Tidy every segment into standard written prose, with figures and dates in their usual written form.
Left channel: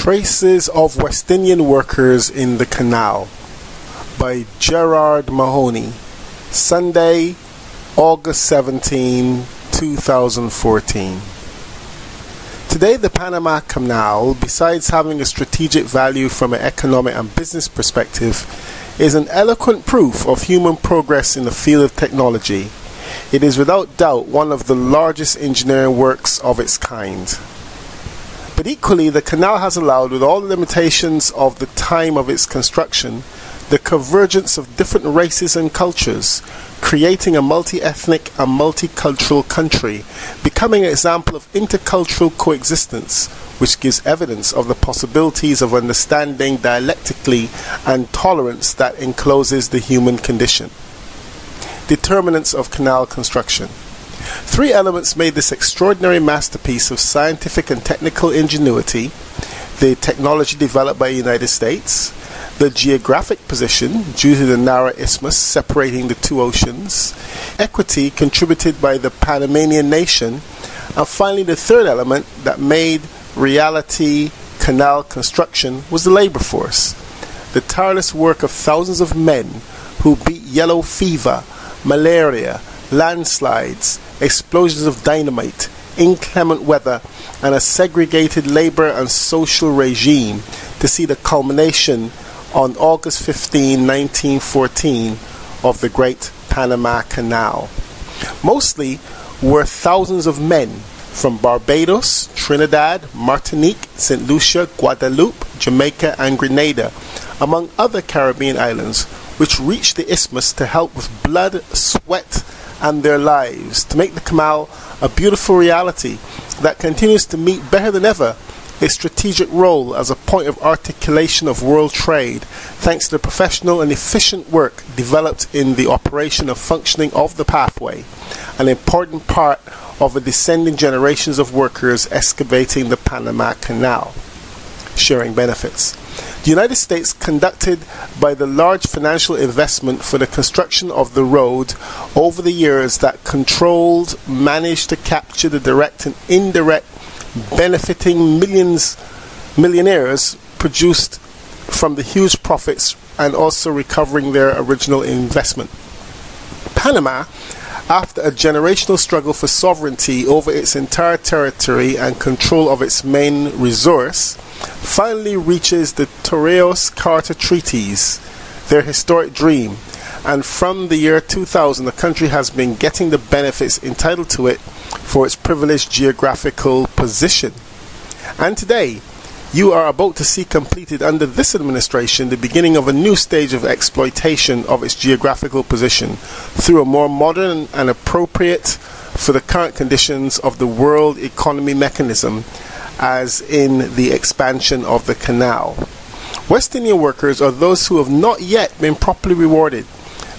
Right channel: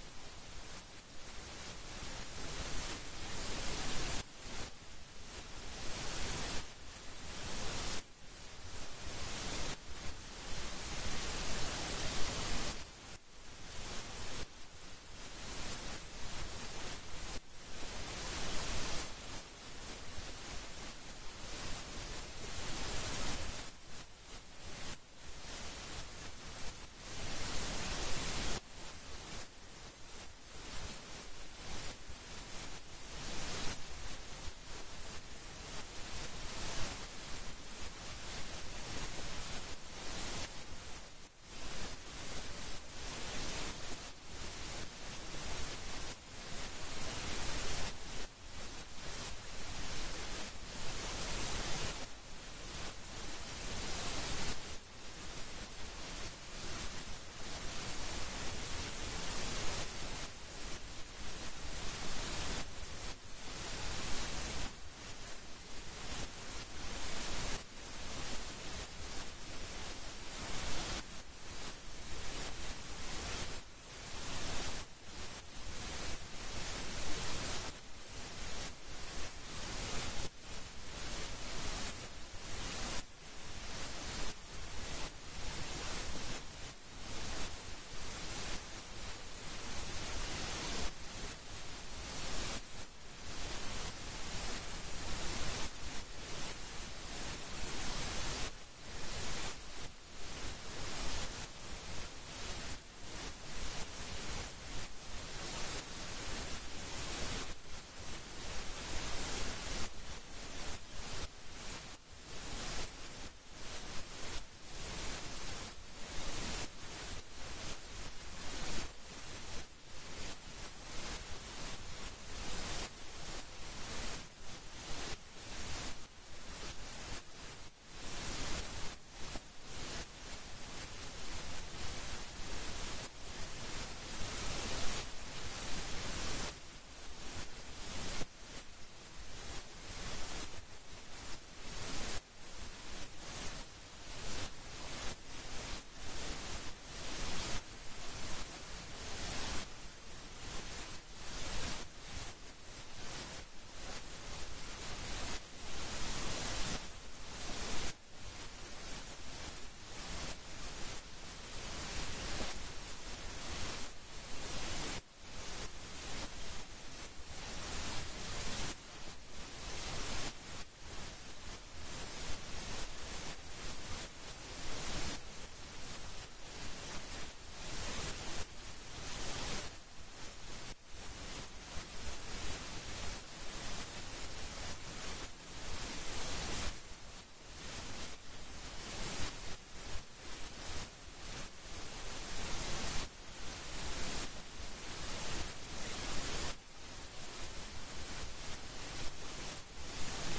Traces of West Indian Workers in the Canal by Gerard Mahoney. Sunday, August 17, 2014. Today, the Panama Canal, besides having a strategic value from an economic and business perspective, is an eloquent proof of human progress in the field of technology. It is without doubt one of the largest engineering works of its kind. But equally, the canal has allowed, with all the limitations of the time of its construction, the convergence of different races and cultures, creating a multi-ethnic and multicultural country, becoming an example of intercultural coexistence, which gives evidence of the possibilities of understanding dialectically and tolerance that encloses the human condition. Determinants of canal construction. Three elements made this extraordinary masterpiece of scientific and technical ingenuity: the technology developed by the United States, the geographic position due to the narrow isthmus separating the two oceans, equity contributed by the Panamanian nation, and finally the third element that made reality canal construction was the labor force. The tireless work of thousands of men who beat yellow fever, malaria, landslides, explosions of dynamite, inclement weather, and a segregated labor and social regime to see the culmination on August 15, 1914 of the Great Panama Canal. Mostly were thousands of men from Barbados, Trinidad, Martinique, St. Lucia, Guadeloupe, Jamaica, and Grenada, among other Caribbean islands, which reached the isthmus to help with blood, sweat, and their lives to make the canal a beautiful reality that continues to meet better than ever its strategic role as a point of articulation of world trade, thanks to the professional and efficient work developed in the operation of functioning of the pathway, an important part of the descending generations of workers excavating the Panama Canal. Sharing benefits. The United States conducted by the large financial investment for the construction of the road over the years that controlled, managed to capture the direct and indirect benefiting millionaires produced from the huge profits and also recovering their original investment. Panama, after a generational struggle for sovereignty over its entire territory and control of its main resource, finally reaches the Torrijos-Carter Treaties, their historic dream, and from the year 2000 the country has been getting the benefits entitled to it for its privileged geographical position. And today, you are about to see completed under this administration the beginning of a new stage of exploitation of its geographical position through a more modern and appropriate for the current conditions of the world economy mechanism, as in the expansion of the canal. West Indian workers are those who have not yet been properly rewarded.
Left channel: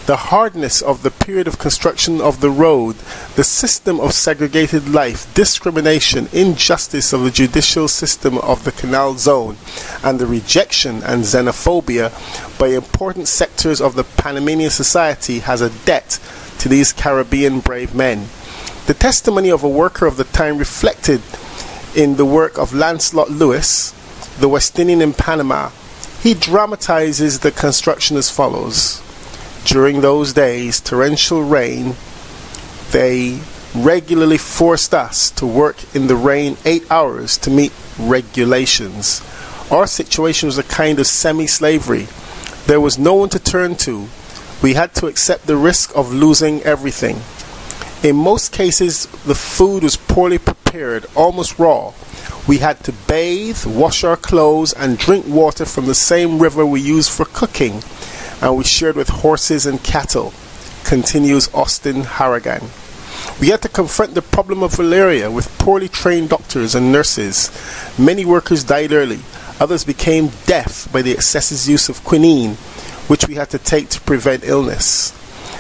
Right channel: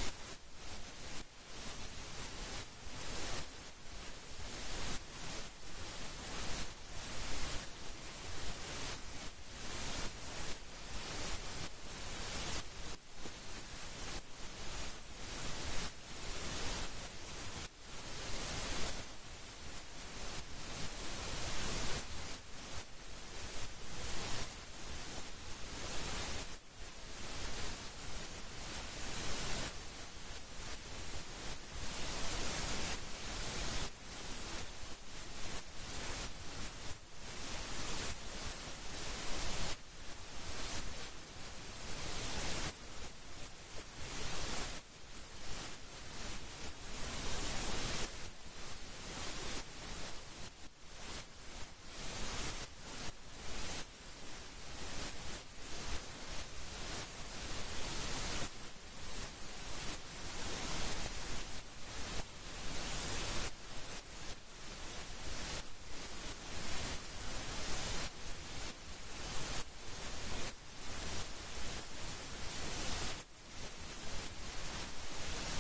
The hardness of the period of construction of the road, the system of segregated life, discrimination, injustice of the judicial system of the canal zone, and the rejection and xenophobia by important sectors of the Panamanian society has a debt to these Caribbean brave men. The testimony of a worker of the time reflected in the work of Lancelot Lewis, the West Indian in Panama. He dramatizes the construction as follows. During those days, torrential rain, they regularly forced us to work in the rain 8 hours to meet regulations. Our situation was a kind of semi-slavery. There was no one to turn to. We had to accept the risk of losing everything. In most cases, the food was poorly prepared, almost raw. We had to bathe, wash our clothes, and drink water from the same river we used for cooking, and we shared with horses and cattle, continues Austin Harrigan. We had to confront the problem of malaria with poorly trained doctors and nurses. Many workers died early. Others became deaf by the excessive use of quinine, which we had to take to prevent illness.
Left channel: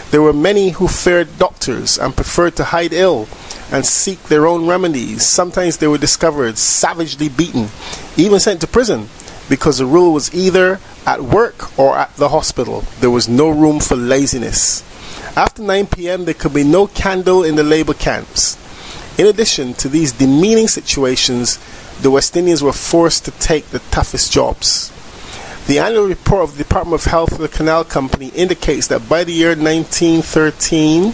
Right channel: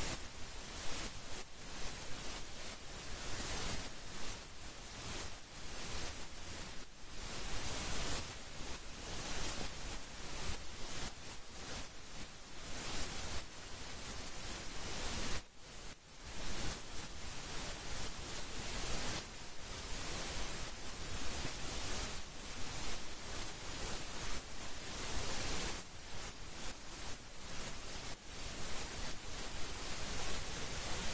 There were many who feared doctors and preferred to hide ill and seek their own remedies. Sometimes they were discovered savagely beaten, even sent to prison, because the rule was either at work or at the hospital. There was no room for laziness. After 9 p.m. there could be no candle in the labor camps. In addition to these demeaning situations, the West Indians were forced to take the toughest jobs. The annual report of the Department of Health of the Canal Company indicates that by the year 1913,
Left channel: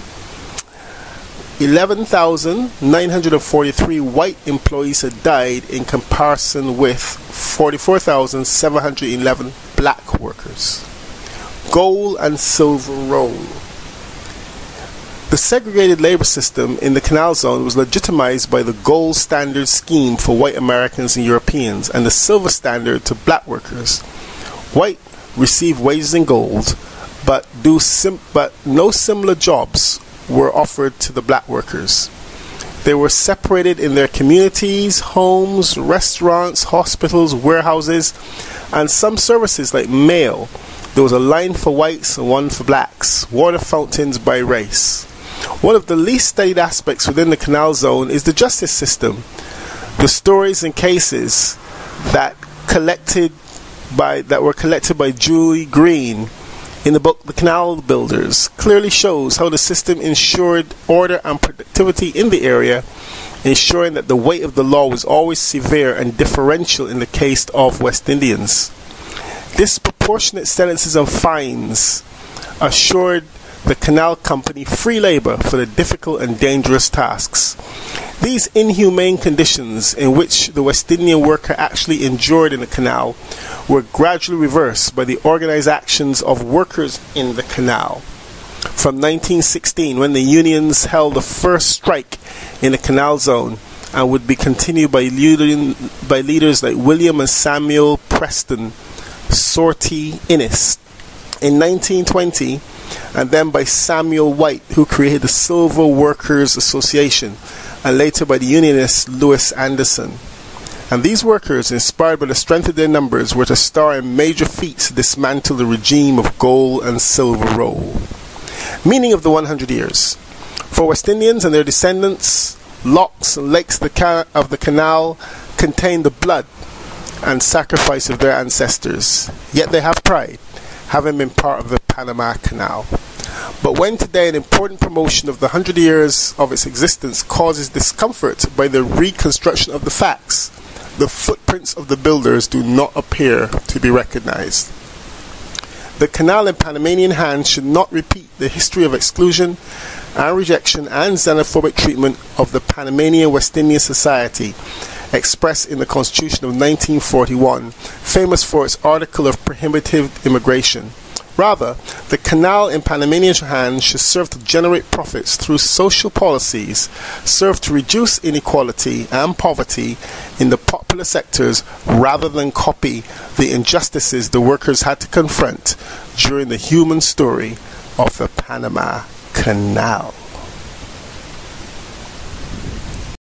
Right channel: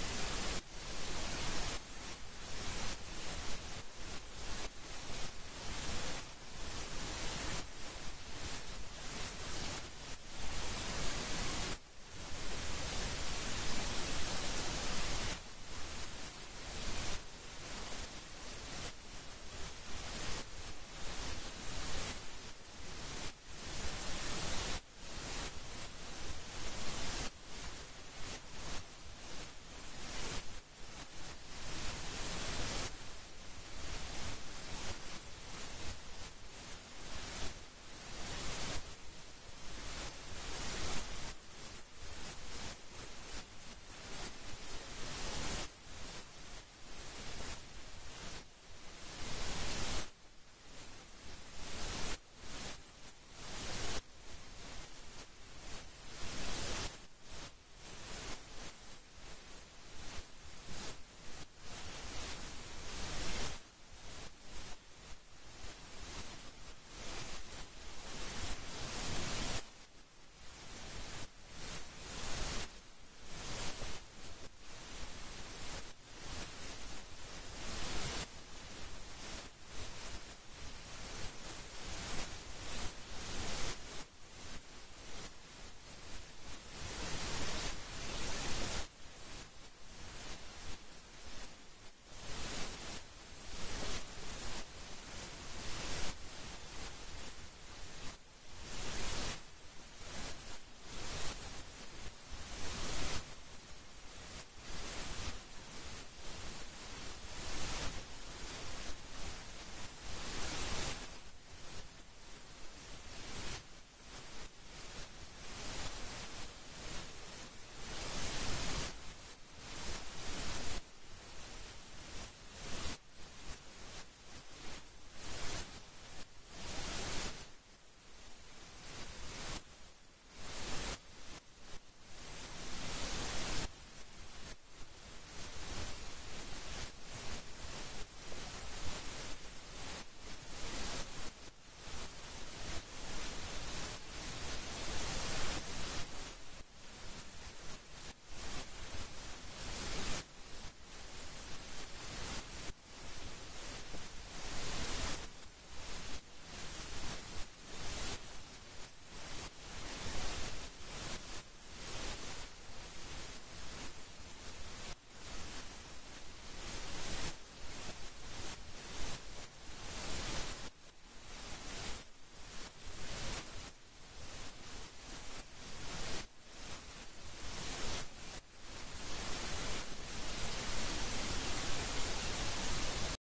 11,943 white employees had died in comparison with 44,711 black workers. Gold and silver roll. The segregated labor system in the Canal Zone was legitimized by the gold standard scheme for white Americans and Europeans and the silver standard to black workers. White received wages in gold, but no similar jobs were offered to the black workers. They were separated in their communities, homes, restaurants, hospitals, warehouses, and some services like mail. There was a line for whites and one for blacks, water fountains by race. One of the least studied aspects within the Canal Zone is the justice system. The stories and cases that were collected by Julie Green in the book The Canal Builders clearly shows how the system ensured order and productivity in the area, ensuring that the weight of the law was always severe and differential in the case of West Indians. Disproportionate sentences and fines assured the Canal Company free labor for the difficult and dangerous tasks. These inhumane conditions in which the West Indian worker actually endured in the canal were gradually reversed by the organized actions of workers in the canal. From 1916, when the unions held the first strike in the Canal Zone, and would be continued by leaders like William and Samuel Preston Sortie Innes in 1920, and then by Samuel White, who created the Silver Workers Association, and later by the unionist Louis Anderson. And these workers, inspired by the strength of their numbers, were to star in major feats to dismantle the regime of gold and silver roll. Meaning of the 100 years. For West Indians and their descendants, locks and lakes of the canal contain the blood and sacrifice of their ancestors. Yet they have pride, having been part of the Panama Canal. But when today an important promotion of the 100 years of its existence causes discomfort by the reconstruction of the facts, the footprints of the builders do not appear to be recognized. The canal in Panamanian hands should not repeat the history of exclusion and rejection and xenophobic treatment of the Panamanian West Indian society expressed in the Constitution of 1941, famous for its article of prohibitive immigration. Rather, the canal in Panamanian hands should serve to generate profits through social policies, serve to reduce inequality and poverty in the popular sectors rather than copy the injustices the workers had to confront during the human story of the Panama Canal.